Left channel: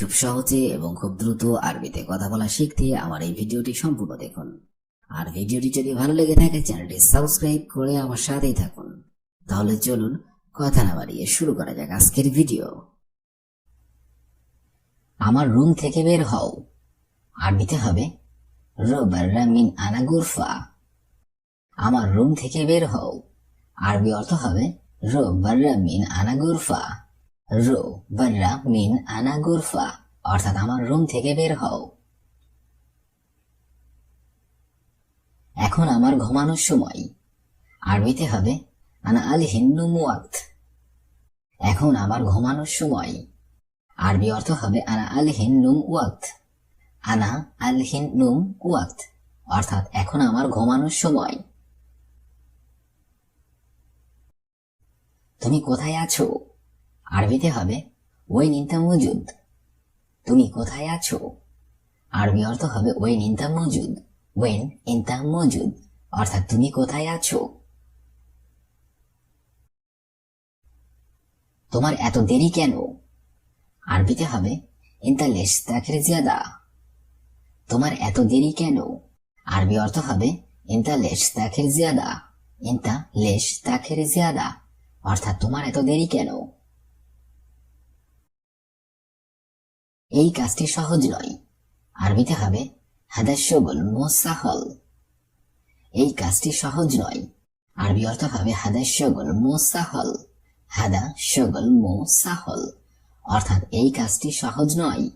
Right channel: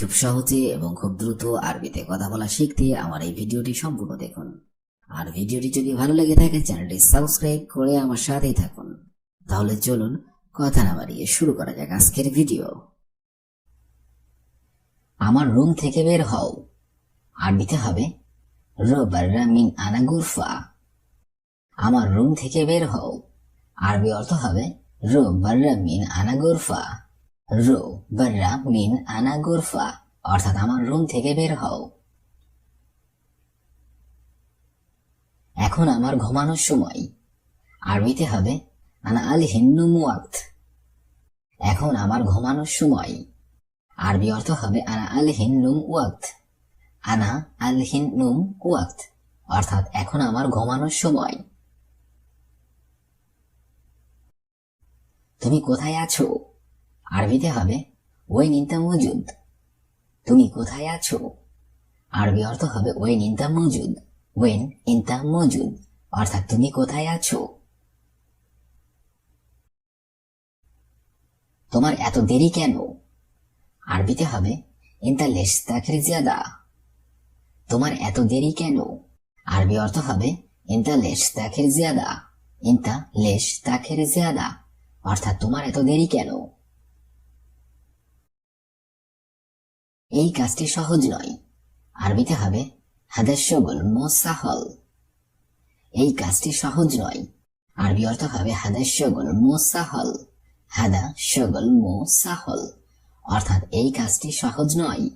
খুব সহজে এবং খুব দ্রুত আরবিতে কথা বলা শিখতে আমার এই ভিডিওটি সম্পূর্ণ দেখুন। আর ভিডিওটি যদি ভালো লেগে থাকে, চ্যানেলটি সাবস্ক্রাইব করে আমার সাথেই থাকুন। তাহলে চলুন, কথা না বাড়িয়ে শুরু করা যাক আজকের ভিডিও। আমার রুম থেকে বের হও। আরবিতে হবে রবাররা মিন আমার রুম থেকে বের হও। আরবি অর্থ হবে রো বাররা মিন আনা রো বাররা মিন আনা গুরফা অর্থাৎ আমার রুম থেকে বের হও। এখন আমার ঘুমানোর সময়। আরবিতে হবে, আনা আল হিন্নু মুয়াক্ত এখন আমার ঘুমানোর সময়। আরবি অর্থ হবে, আনা আল হিন্নুম ওয়াক্ত আনা আল হিন্নুম ওয়াক্ত অর্থাৎ এখন আমার ঘুমানোর সময়। তুমি কোথায় আছো? আরবিতে হবে? ওয়েন ইনতা মজুদ তুমি কোথায় আছো? আরবি অর্থ হবে ওয়েন ইনতা মজুদ ওয়েন ইনতা মজুদ অর্থাৎ তুমি কোথায় আছো? তোমার এত দেরি কেন? আরবিতে হবে, ইনতা লেশ তাখের জিয়াদা। তোমার এত দেরি কেন? আরবি অর্থ হবে, ইনতা লেশ তাখের জিয়াদা। ইনতা লেশ তাখের জিয়াদা। অর্থাৎ তোমার এত দেরি কেন? এই কাজটি সহজ নয়। আরবিতে হবে হাদাস শগুল মোসাহল। এই কাজটি সহজ নয়। আরবি অর্থ হবে হাদাস শগুল মোসাহল। হাদা শগল মোসাহল। অর্থাৎ এই কাজটি সহজ নয়।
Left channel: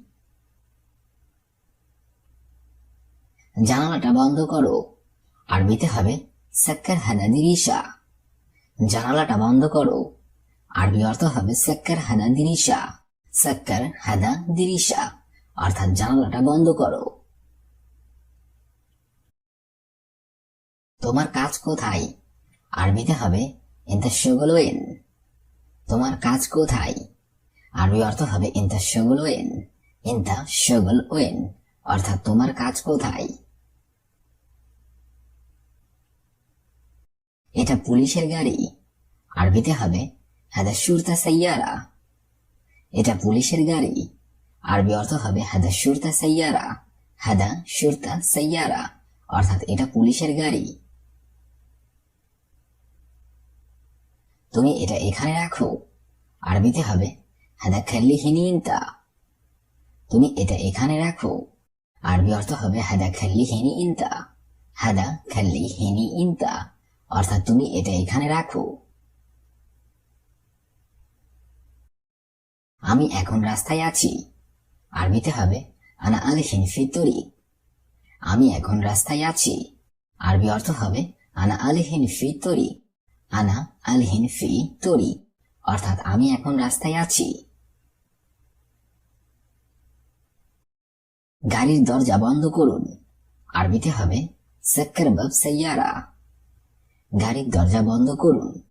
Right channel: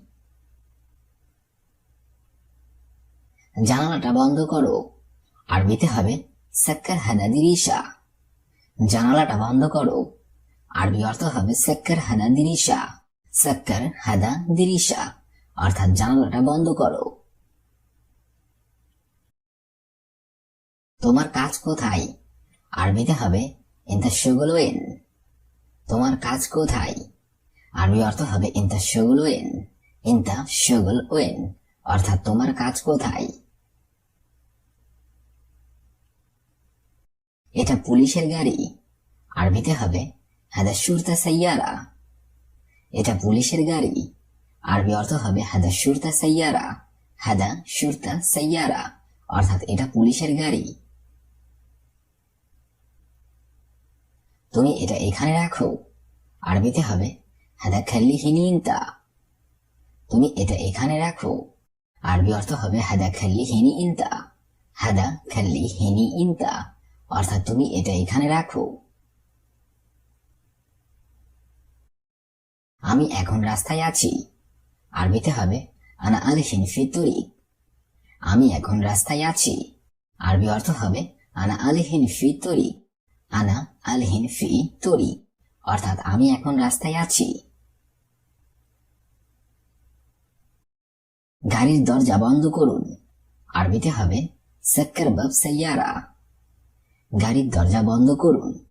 জানালাটা বন্ধ করো। আরবিতে হবে, সাক্কার হাদা দিরিশা। জানালাটা বন্ধ করো। আরবি অর্থ হবে, সাক্কার হাদা দিরিশা। সাক্কার, হাদা, দিরিশা। অর্থাৎ জানালাটা বন্ধ করো। তোমার কাজ কোথায়? আরবিতে হবে ইন্তা তোমার কাজ কোথায়? আরবি অর্থ হবে ইন্তা শগুলোয়েন ইন্তা শগুল ওয়েন অর্থাৎ তোমার কাজ কোথায়? এটা পুলিশের গাড়ি। আরবিতে হবে, হাদা সুরতা সাইয়ারা। এটা পুলিশের গাড়ি। আরবি অর্থ হবে, হাদা সুরতা সাইয়ারা, হাদা সুরতা সাইয়ারা। অর্থাৎ এটা পুলিশের গাড়ি। তুমি এটা এখানে রাখো। আরবিতে হবে, হাদা খাল্লি হিনিনতা তুমি এটা এখানে রাখো। আরবি অর্থ হবে, হাদা খাল্লি হিনি ইনতা হাদা খাল্লি হিনি ইনতা অর্থাৎ তুমি এটা এখানে রাখো। আমি এখন রাস্তায় আছি। আরবিতে হবে আনা আল হিনফি তরিক আমি এখন রাস্তায় আছি। আরবি অর্থ হবে আনা আল হিনফি তরিক আনা আল হিনফি তরিক অর্থাৎ আমি এখন রাস্তায় আছি। গাড়ির দরজা বন্ধ করুন। আরবিতে হবে সাক্কার বাব সাইয়ারা। গাড়ির দরজা বন্ধ করুন।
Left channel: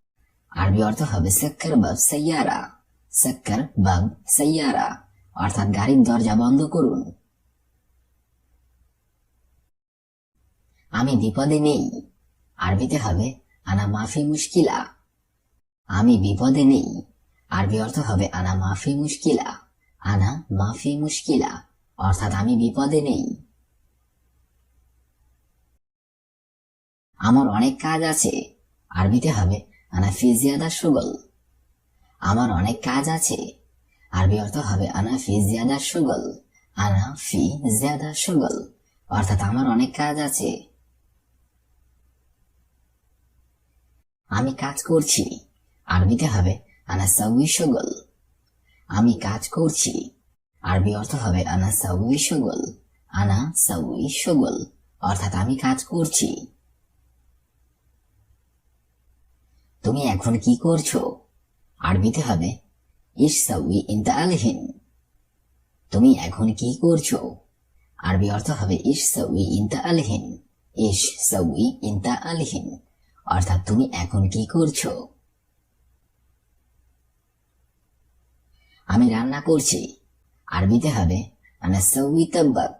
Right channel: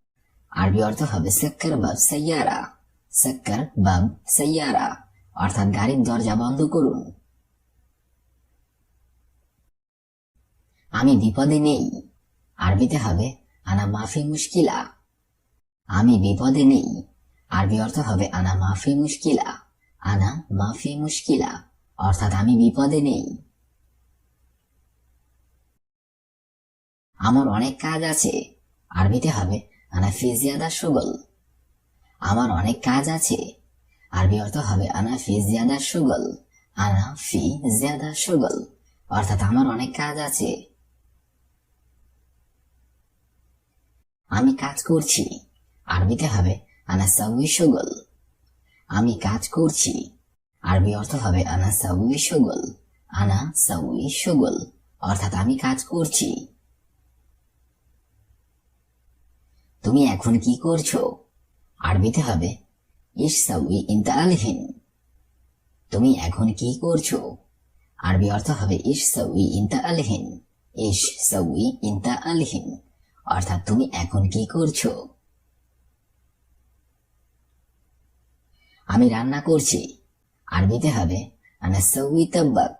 আরবি অর্থ হবে সাক্কার বাব সাইয়ারা। সাক্কার বাব সাইয়ারা। অর্থাৎ গাড়ির দরজা বন্ধ করুন। আমি বিপদে নেই। আরবিতে হবে, আনা মাফি মুশকিলা। আমি বিপদে নেই। আরবি অর্থ হবে, আনা মাফি মুশকিলা। আনা মাফি মুশকিলা। অর্থাৎ আমি বিপদে নেই। আমার অনেক কাজ আছে। আরবিতে হবে, আনা ফি জিয়াদা সুগল আমার অনেক কাজ আছে। আরবি অর্থ হবে, আনা ফি জিয়াদা সুগল। আনা ফি জিয়াদা সুগল। অর্থাৎ আমার অনেক কাজ আছে। আমি কাজ করছি। আরবিতে হবে, আনা সাউই সুগল। আমি কাজ করছি। আরবি অর্থ হবে, আনা সাউই সুগল। আনা সুগল। অর্থাৎ আমি কাজ করছি। তুমি এখন কি করছ? আরবিতে হবে। তুমি এখন কি করছ? আরবি অর্থ হবে ইস সাউই আলহিন ইস সাউই ইনতা আলহিন অর্থাৎ তুমি এখন কি করছ? আমি রান্না করছি। আরবিতে হবে, আনা সাউই তাব্বাক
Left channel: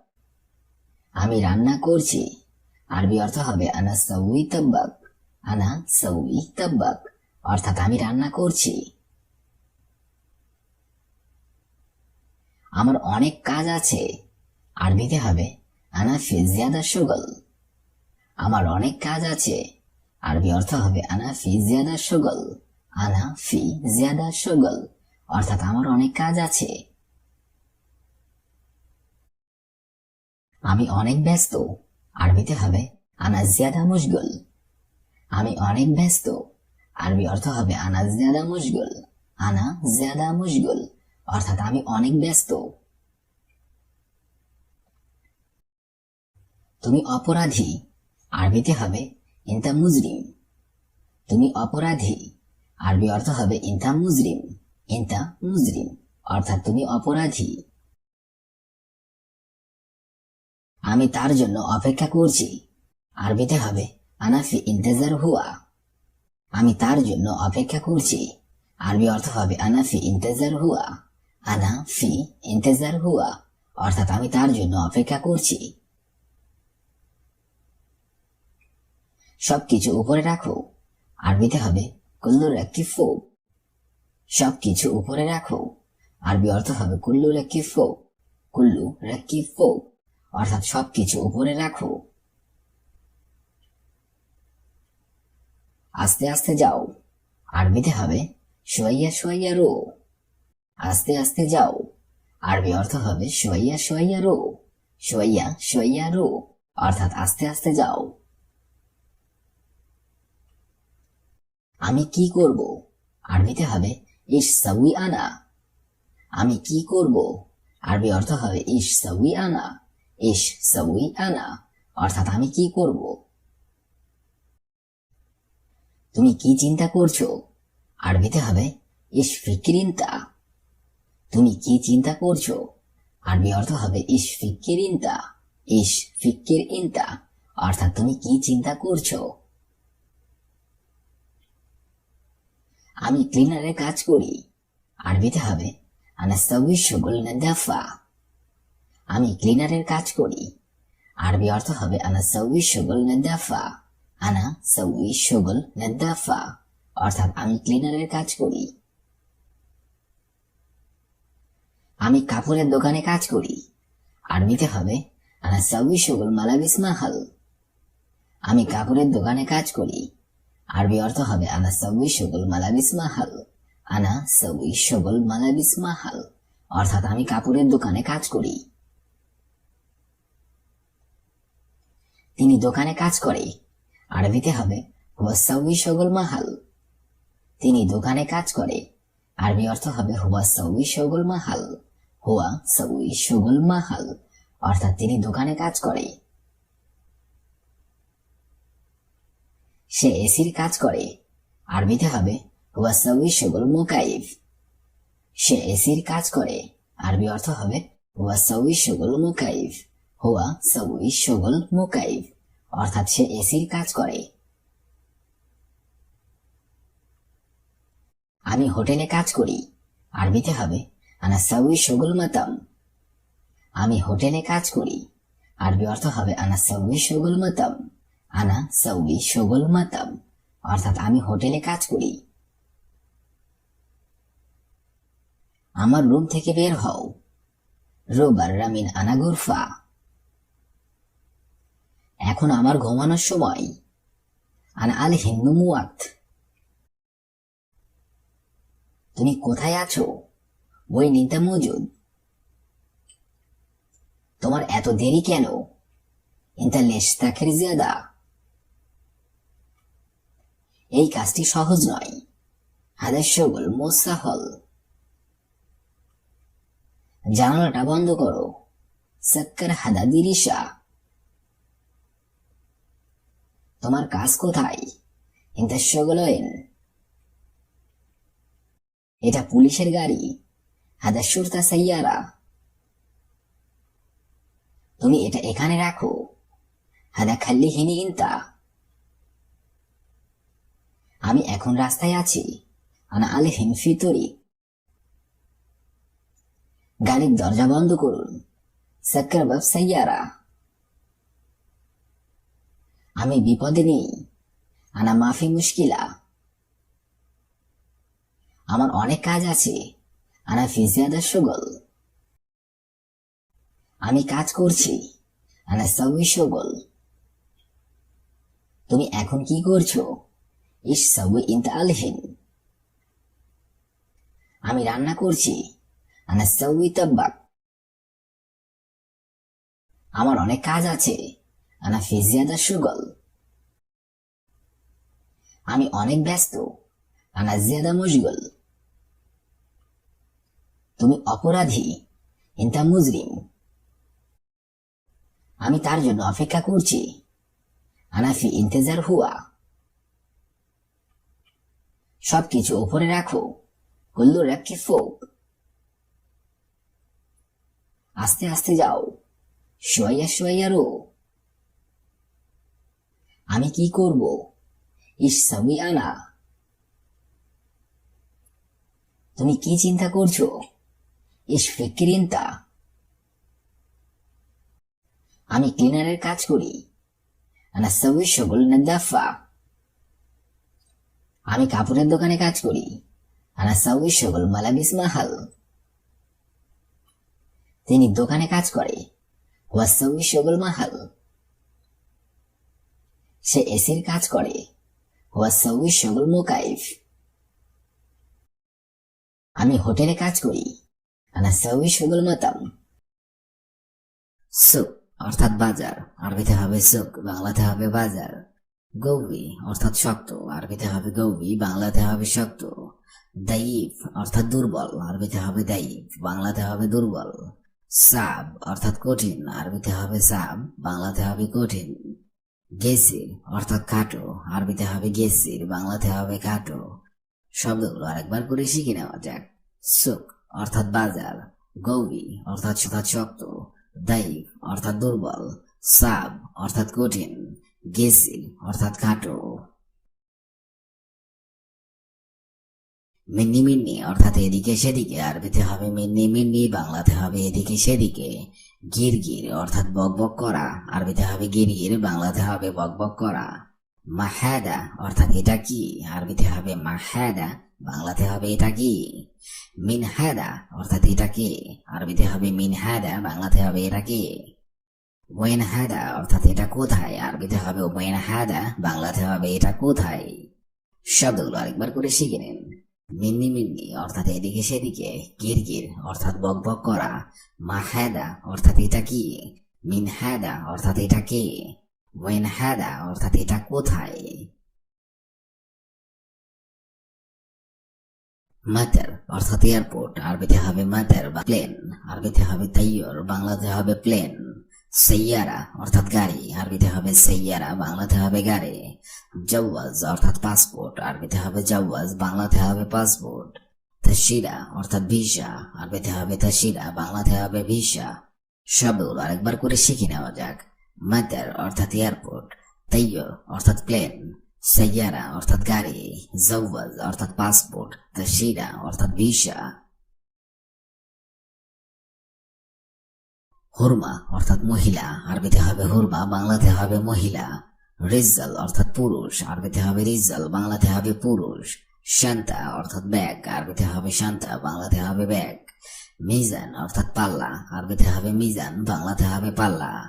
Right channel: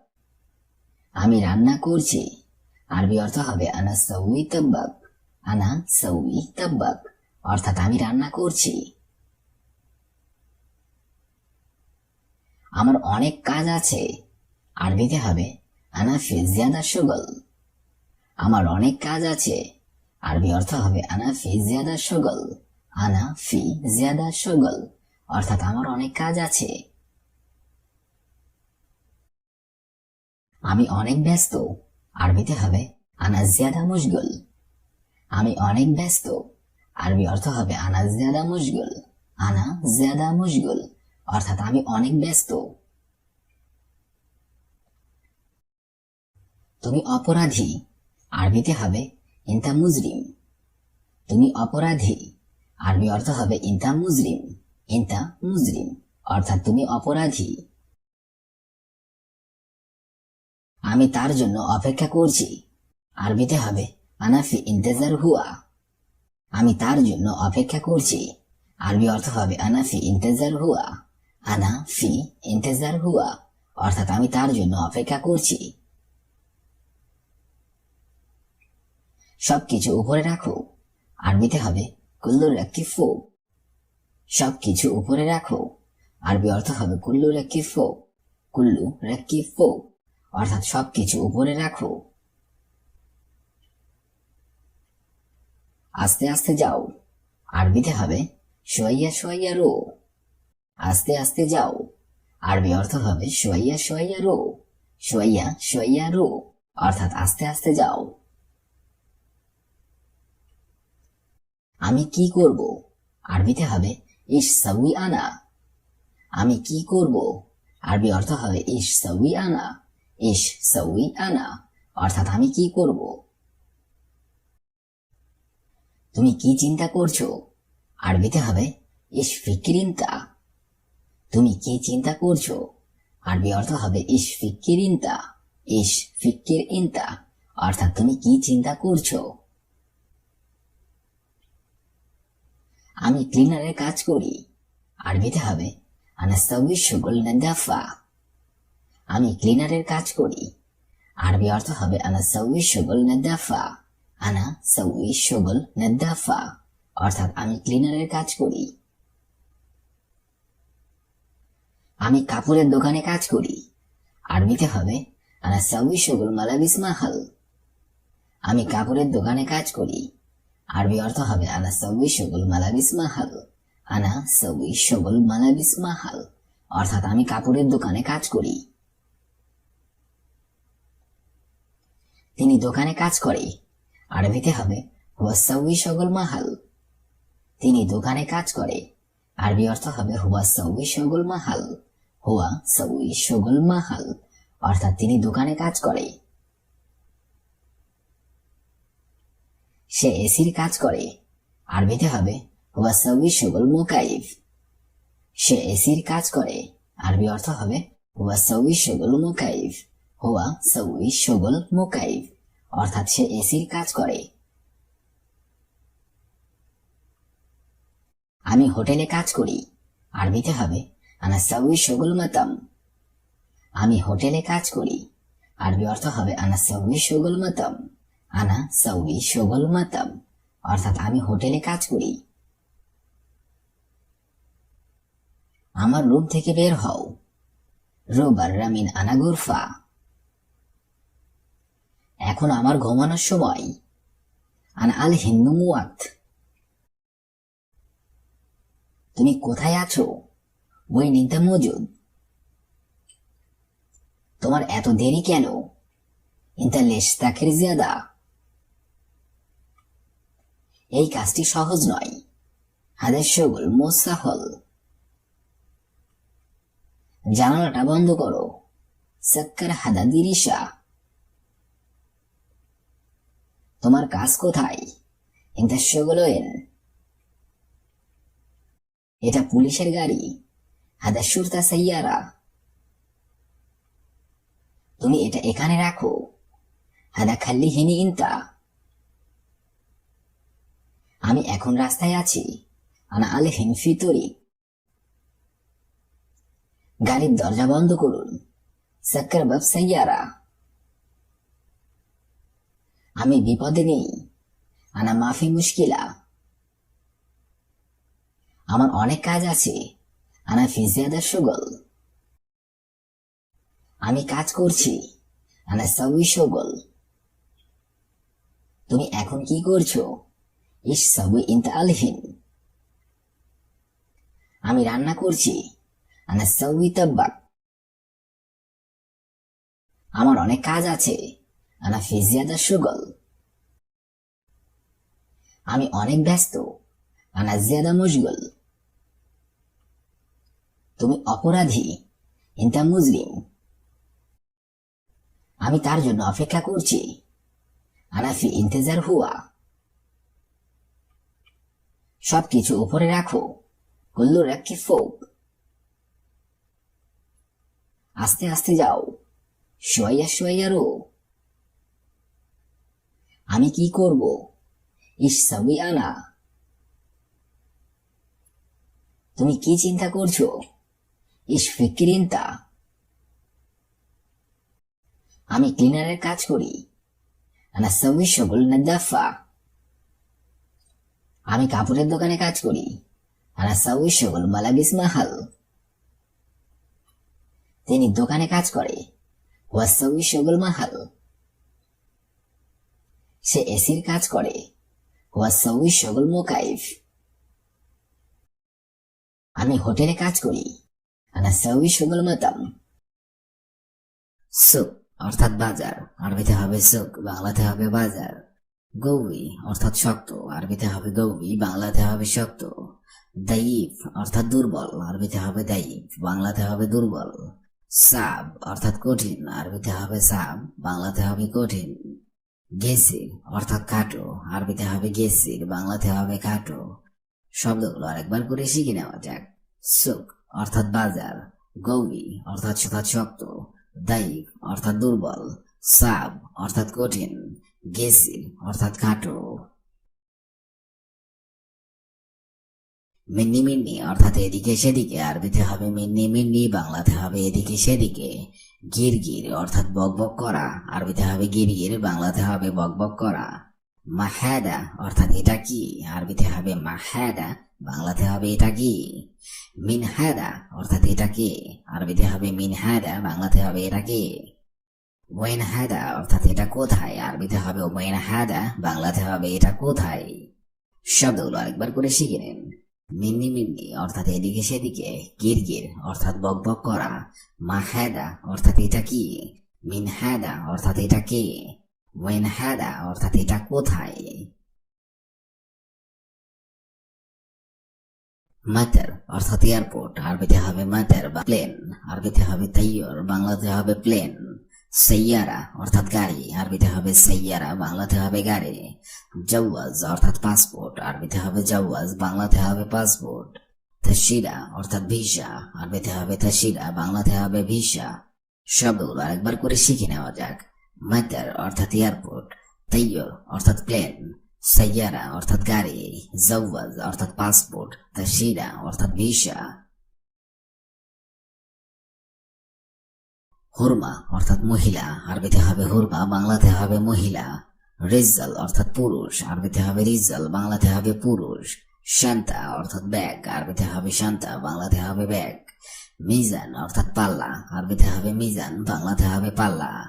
আমি রান্না করছি। আরবি অর্থ হবে, আনা সাউই তাব্বাক আনা সাউই তাব্বাক অর্থাৎ আমি রান্না করছি। আমার অনেক কাজ আছে। আরবিতে হবে আনা ফি জিয়াদা শুগল আমার অনেক কাজ আছে। আরবি অর্থ হবে আনা ফি জিয়াদা শুগল আনা ফি জিয়াদা শুগল অর্থাৎ আমার অনেক কাজ আছে। আমি অনেক ব্যস্ত। আরবিতে হবে আনা জিয়াদা মুশগুল। আমি অনেক ব্যস্ত। আরবি অর্থ হবে। আনা জিয়াদা মুশগুল আনা জিয়াদা মুশগুল অর্থাৎ আমি অনেক ব্যস্ত। তুমি অপরাধী। আরবিতে হবে ইন্তা মুজরিম। তুমি অপরাধী। আরবি অর্থ হবে ইন্তা মুজরিম। ইন্তা মুজরিম। অর্থাৎ তুমি অপরাধী। আমি তার জন্য অপেক্ষা করছি। আরবিতে হবে আনাফি ইন্তেজার হুয়া। আমি তার জন্য অপেক্ষা করছি। আরবি অর্থ হবে আনাফি ইন্তেজার হুয়া। আনা ফি ইন্তেজার হুয়া। অর্থাৎ আমি তার জন্য অপেক্ষা করছি। সবকিছু উপরে রাখো। আরবিতে হবে, কুল্লুর একটি ফোক। সবকিছু উপরে রাখো। আরবি অর্থ হবে, কুল্লুর একটি ফোক। কুল্লু রেক্কি ফোক। অর্থাৎ সবকিছু উপরে রাখো। আস্তে আস্তে যাও। আরবিতে হবে সোয়াইয়া সোয়াইয়া রো। আস্তে আস্তে যাও। আরবি অর্থ হবে সোয়াইয়া সোয়াইয়া রো। সোয়াইয়া সোয়াইয়া রো। অর্থাৎ আস্তে আস্তে যাও। আমি কি করব? আরবিতে হবে ইস সাউই আনা। আমি কি করব? আরবি অর্থ হবে ইস সাউই আনা। ইস সাউই আনা। অর্থাৎ আমি কি করব? তুমি কি চিন্তা করছ? আরবিতে হবে ইস ফিকিরিনতা। তুমি কি চিন্তা করছ? আরবি অর্থ হবে ইস ফিকিরিনতা। ইস ফিকির ইনতা অর্থাৎ তুমি কি চিন্তা করছ? আমি ক্লিনারের কাজ করি। আরবিতে হবে আনাস্তাউই আমি ক্লিনারের কাজ করি। আরবি অর্থ হবে আনাস্তাউই শুগুল নাদাফা আনা অর্থাৎ আমি ক্লিনারের কাজ করি। আমি কাপড়ের দোকানে কাজ করি। আরবিতে হবে, আনা মালাবিস মাহাল। আমি কাপড়ের দোকানে কাজ করি। আরবি অর্থ হবে, আনা সাউই শুগুল মালাবিস মাহাল। আনা সাউই শুগুল মালাবিস মাহাল। অর্থাৎ আমি কাপড়ের দোকানে কাজ করি। তিনি দোকানে কাজ করে। আরবিতে হবে। হুয়াসাউই শগুল মাহাল। তিনি দোকানে কাজ করে। আরবি অর্থ হবে হুয়াসাউই শগুল মাহাল। হুয়া সাউই শগুল মাহাল। অর্থাৎ তিনি দোকানে কাজ করে। সে এসির কাজ করে। আরবিতে হবে হুয়াসাউই শগুল মোকাইফ। সে এসির কাজ করে। আরবি অর্থ হবে হুয়াসাউই শগুল মোকাইফ। হুয়া সাউই শগুল মোকাইফ। অর্থাৎ সে এসির কাজ করে। আমি হোটেলে কাজ করি। আরবিতে হবে আনা সাউই শগুল মাতাম। আমি হোটেলে কাজ করি। আরবি অর্থ হবে আনা সাউই শগুল মাতাম। আনা সাউই শগুল মাতাম। অর্থাৎ আমি হোটেলে কাজ করি। আমার রুম থেকে বের হও। রোবার রামিন আনা গুরফা এখন আমার ঘুমানোর সময়। আন আল হিন্দু মুয়াত। তুমি কোথায় আছো? বই নিতে মজুদ। তোমার এত দেরি কেন? ইন্তা লেশতাখের জিয়াদা। এই কাজটি সহজ নয়। হাদের মোসাহল। জানালাটা বন্ধ করো। সাক্কার হাদা দিরিশা তোমার কাজ কোথায়? এটা পুলিশের গাড়ি। হাদা সুরতা সাইয়ারা। তুমি এটা এখানে রাখো। হাদা খাল্লি হিনি ইন্তা। আমি এখন রাস্তায় আছি। আনা আলে হিমফি তরি। গাড়ির দরজা বন্ধ করুন। সাক্কার বাব সাইয়ারা। আমি বিপদে নেই। আনা মাফি মুশকিলা। আমার অনেক কাজ আছে। আনা ফিজিয়াদা সুগল। আমি কাজ করছি। আনা সবই সগল। তুমি এখন কি করছ? ইস সবই ইন্তা আলহীন আমি রান্না করছি। আনা সবই তাব্বাক। আমার অনেক কাজ আছে। আনা ফিজিয়াদা সুগল আমি অনেক ব্যস্ত। আনা জিয়াদা তুমি অপরাধী, ইন্তা মুজরিম। আমি তার জন্য অপেক্ষা করছি। আনাফি ইন্তেজার হুয়া সবকিছু উপরে রাখো। কুল্লু রাখি ফোক। আস্তে আস্তে যাও। শোয়া শোয়া রো। আমি কি করব? ইস আনা তুমি কি চিন্তা করছ? ইস ফিক্রিনতা। আমি ক্লিনারের কাজ করি। আনা সবই সকল নাদাফা। আমি কাপড়ের দোকানে কাজ করি। আনা সবই সকল মালাবিস মাহাল। তিনি দোকানে কাজ করে। ওয়া সবই সকল মাহাল। সে এসির কাজ করে। ওয়া সবই মোকাইফ। আমি হোটেলে কাজ করি। আনা অর্থাৎ বাজার। আরবিতে হবে সুক বাংলাতে হবে বাজার। গৌবি অর্থাৎ শক্ত। আরবিতে হবে গৌবি বাংলাতে হবে শক্ত। দাইফ, অর্থাৎ দুর্বল। আরবিতে হবে দাইফ, বাংলাতে হবে দুর্বল। সাব, অর্থাৎ কঠিন। আরবিতে হবে সাব, বাংলাতে হবে কঠিন। গেসির অর্থাৎ কাটো। আরবিতে হবে গেসির বাংলাতে হবে কাটো। শব্দগুলো আরেকবার করে শিখে নেওয়া যাক। সুক, অর্থাৎ বাজার। গৌবি অর্থাৎ শক্ত। দাইফ অর্থাৎ দুর্বল। সাব, অর্থাৎ কঠিন। গেসির অর্থাৎ কাটো। মিন্নি মিন্নি, অর্থাৎ এদিকে সেদিকে। আরবিতে হবে মিন্নি মিন্নি, বাংলাতে হবে এদিকে সেদিকে। গির গির, অর্থাৎ বক বক করা। আরবিতে হবে গির গির, বাংলাতে হবে বক বক করা। মাহাদা, অর্থাৎ এটা কি? আরবিতে হবে মাহাদা, বাংলাতে হবে এটা কি? মিনহাদা, অর্থাৎ এটা কি? আরবিতে হবে মিনহাদা, বাংলাতে হবে এটা কি? ওয়েন হাদা অর্থাৎ এটা কোথায়? আরবিতে হবে ওয়েন হাদা বাংলাতে হবে এটা কোথায়? শব্দগুলো আরেকবার করে শিখে নিন। মিন্নি মিন্নি অর্থাৎ এদিকে সেদিকে গির গির অর্থাৎ বক বক করা মাহাদা অর্থাৎ এটা কি? মিনহাদা অর্থাৎ এটা কে? ওয়েন হাদা অর্থাৎ এটা কোথায়? মাতার অর্থাৎ এয়ারপোর্ট, আরবিতে হবে মাতার বা প্লেন, আরবিতে হবে তাইয়র বাংলাতে হবে প্লেন। সৈয়ারা, অর্থাৎ গাড়ি। আরবিতে হবে সৈয়ারা, বাংলাতে হবে গাড়ি। জওয়াজ, অর্থাৎ পাসপোর্ট আরবিতে হবে জওয়াজ, বাংলাতে হবে পাসপোর্ট তশিরা অর্থাৎ ভিসা আরবিতে হবে তশিরা বাংলাতে হবে ভিসা শব্দগুলো আরেকবার করে শিখে নেওয়া যাক। মাদার, অর্থাৎ এয়ারপোর্ট তাইয়র অর্থাৎ প্লেন সৈয়ারা, অর্থাৎ গাড়ি। জওয়াজ, অর্থাৎ পাসপোর্ট তশিরা অর্থাৎ ভিসা হুরমা, অর্থাৎ মহিলা, আরবিতে হবে হুরমা, বাংলাতে হবে মহিলা। রিজাল অর্থাৎ পুরুষ, আরবিতে হবে রিজাল বাংলাতে হবে পুরুষ। শান্তা, অর্থাৎ ব্যাগ, আরবিতে হবে শান্তা, বাংলাতে হবে ব্যাগ। মিজান, অর্থাৎ পাল্লা, আরবিতে হবে মিজান, বাংলাতে হবে পাল্লা।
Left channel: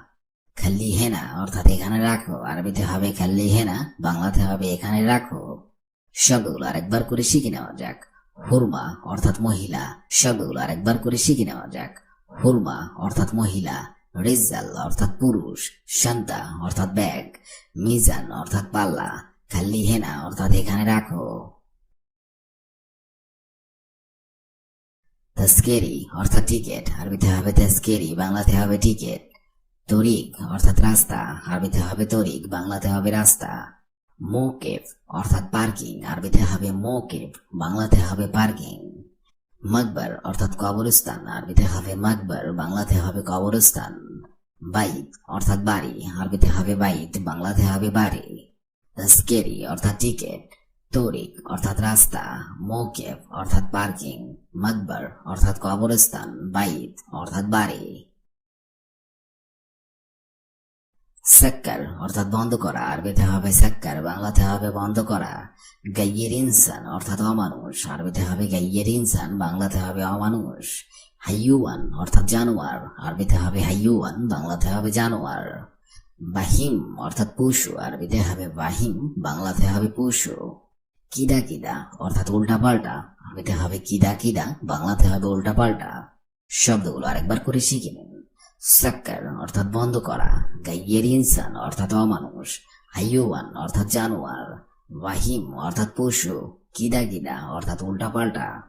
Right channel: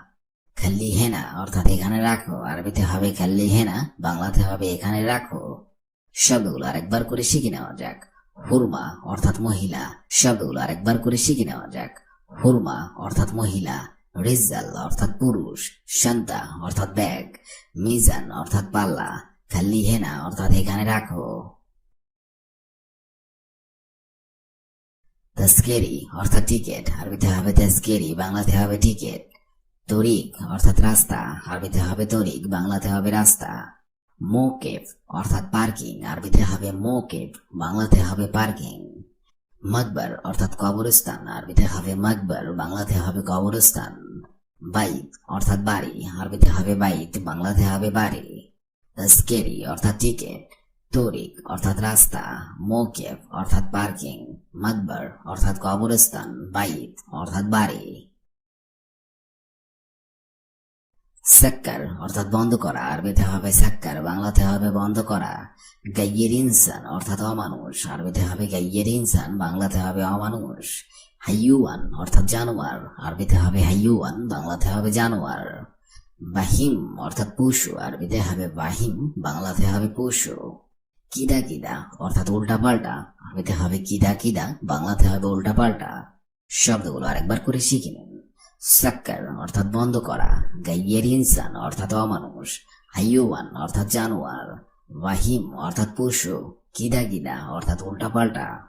খাল্লি হেনা অর্থাৎ এখানে রাখো, আরবিতে হবে খাল্লি হেনা বাংলাতে হবে এখানে রাখো। শব্দগুলো আরেকবার করে শিখে নেওয়া যাক। হুরমা, অর্থাৎ মহিলা শব্দগুলো আরেকবার করে শিখে নেওয়া যাক। হুরমা অর্থাৎ মহিলা রিজাল অর্থাৎ পুরুষ, শান্তা অর্থাৎ ব্যাগ, মিজান অর্থাৎ পাল্লা খাল্লি হেনা অর্থাৎ এখানে রাখো। তস্কেরি অর্থাৎ টিকেট, আরবিতে হবে তস্কেরি, বাংলাতে হবে টিকেট। তরিক অর্থাৎ রাস্তা, আরবিতে হবে তরিক, বাংলাতে হবে রাস্তা। মোকেফ অর্থাৎ পার্কিং, আরবিতে হবে মোকেফ, বাংলাতে হবে পার্কিং। মকবর, অর্থাৎ কবরস্থান আরবিতে হবে মাকবার, বাংলাতে হবে কবরস্থান। বাইত, অর্থাৎ বাড়ি আরবিতে হবে বাইত, বাংলাতে হবে বাড়ি। স্কেরি অর্থাৎ টিকেট। তরিক, অর্থাৎ রাস্তা। মৌকেফ অর্থাৎ পার্কিং। মাকবার, অর্থাৎ কবরস্থান। বাইত, অর্থাৎ বাড়ি। সাক্কার, অর্থাৎ বন্ধ করা। আরবিতে হবে সাক্কার, বাংলাতে হবে বন্ধ করা। গাইয়ের ইনসান, অর্থাৎ অমানুষ। আরবিতে হবে গাইয়ের ইনসান, বাংলাতে হবে অমানুষ। হাইয়ুয়ান, অর্থাৎ জানোয়ার। আরবিতে হবে হাইয়ুয়ান, বাংলাতে হবে জানোয়ার। বাহিম, অর্থাৎ পশু। আরবিতে হবে বাহিম, বাংলাতে হবে পশু। কিদা কিদা অর্থাৎ উল্টা পাল্টা আরবিতে হবে কিদা কিদা বাংলাতে হবে উল্টা পাল্টা শব্দগুলো আরেকবার করে শিখে নিন। সাক্কার অর্থাৎ বন্ধ করা। গাইয়ের ইনসান অর্থাৎ অমানুষ। আইয়ুমান অর্থাৎ জানোয়ার। ওয়াহিম অর্থাৎ পশু। কিদা কিদা অর্থাৎ উল্টা পাল্টা